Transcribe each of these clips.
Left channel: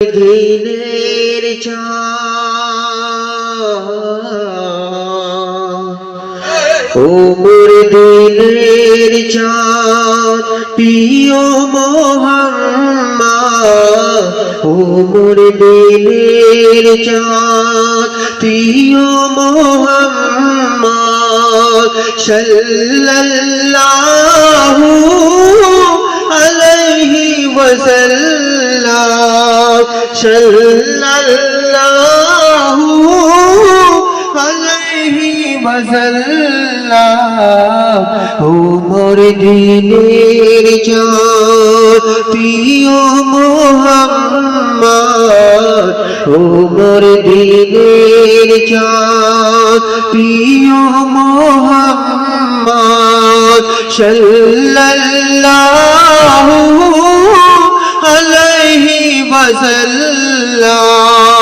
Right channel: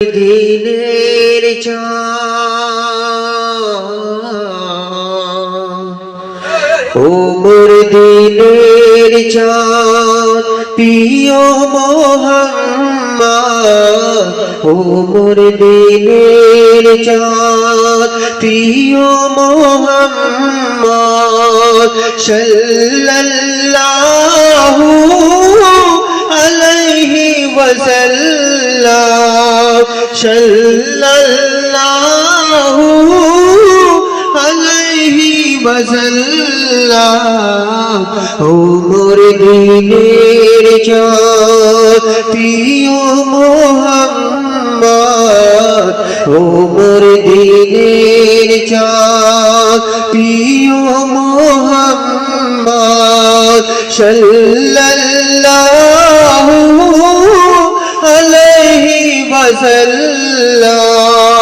দিনের চা ও মোর দিনের চাঁদ, প্রিয় মোহাম্মদ। ও মোর দিনের চাঁদ, প্রিয় মোহাম্মদ। সাল্লাল্লাহু আলাইহি ওয়াসাল্লাম। সাল্লাল্লাহু আলাইহি ওয়াসাল্লাম ও মোর দিনের চাঁদ প্রিয় মোহাম্মদ ও মোর দিনের চাঁদ প্রিয় মোহাম্মদ সাল্লাল্লাহু ওয়াসাল্লাম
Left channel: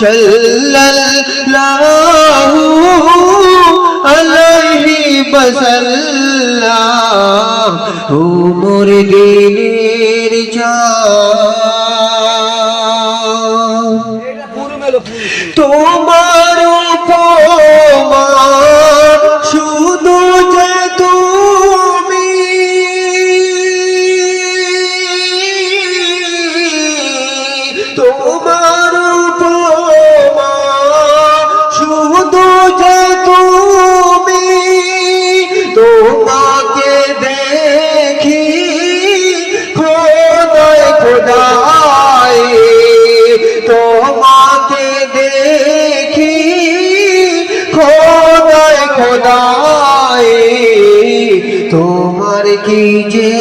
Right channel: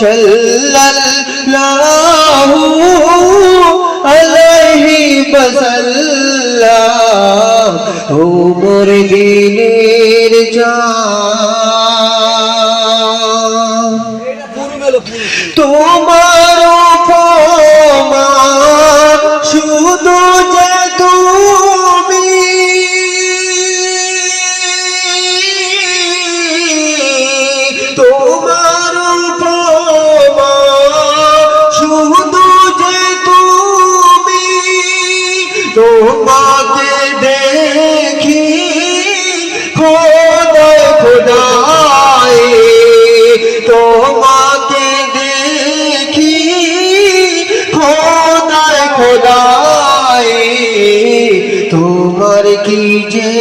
সাল্লাল্লাহু আলাইহি ওয়াসাল্লাম ও মোর দিনের চাঁদ তোমার তোমাকে দেখি খোদায় খোদায় তোমাকে দেখি খোদায় খোদায় তোমার কি যে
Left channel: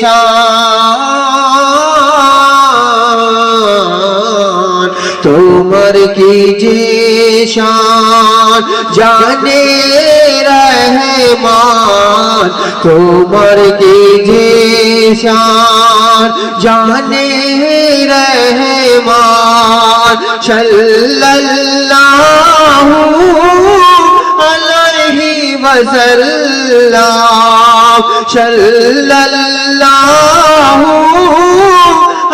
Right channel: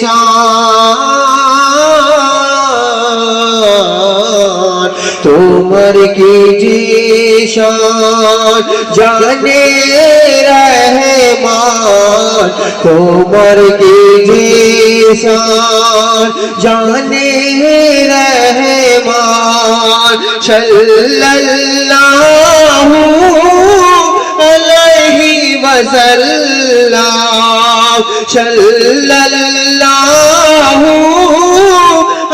শান তোমার কি যে শান জানে রহমান তোমার কি যে শান জানে রহমান সাল্লাল্লাহু আলাইহি ওয়াসাল্লাম সাল্লাল্লাহু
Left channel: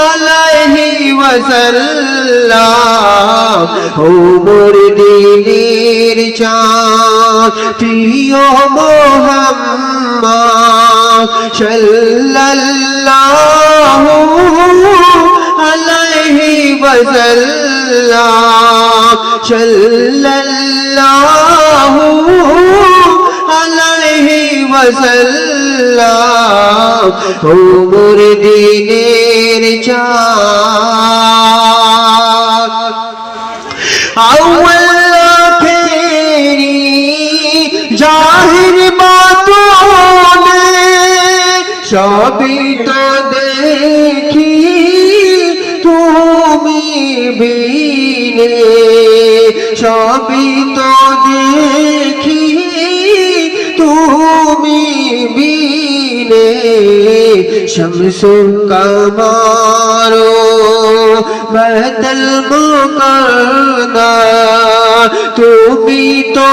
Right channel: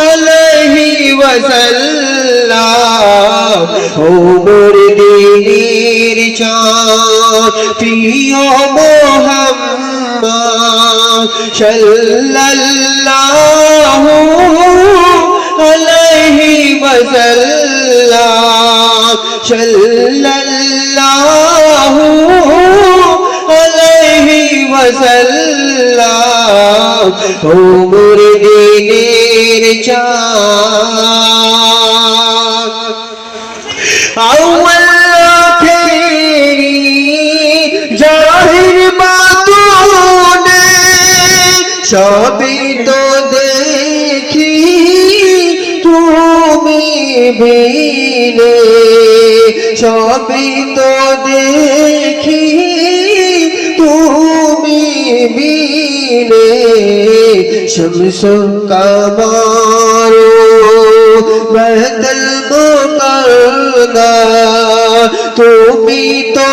আলাইহি ওয়াসাল্লাম ও মোর দিনের চাঁদ, প্রিয় মোহাম্মদ সাল্লাল্লাহু আলাইহি ওয়াসাল্লাম, সাল্লাল্লাহু আলাইহি ওয়াসাল্লাম ও মোর দিনের চাঁদ জাহির বাতনে সবই তো দেখি তুমি বিনে সবই তো দেখি তুমি বিনে। শমসো কামারো তুমি তো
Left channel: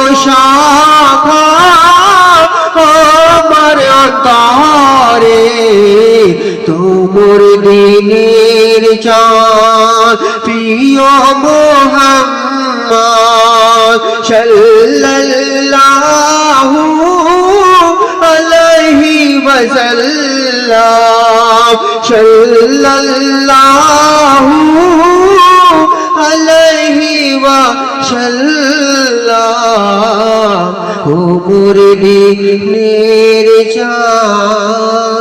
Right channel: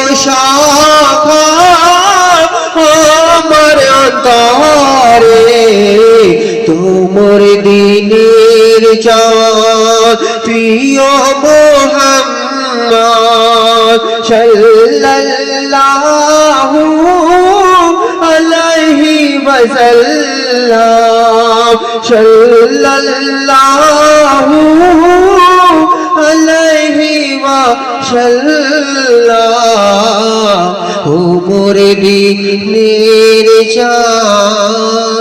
আমার অন্তরে তোমর দিনের চাঁদ প্রিয় মোহাম্মদ সাল্লাল্লাহু আলাইহি ওয়া সাল্লাম ও মোর দিনের চার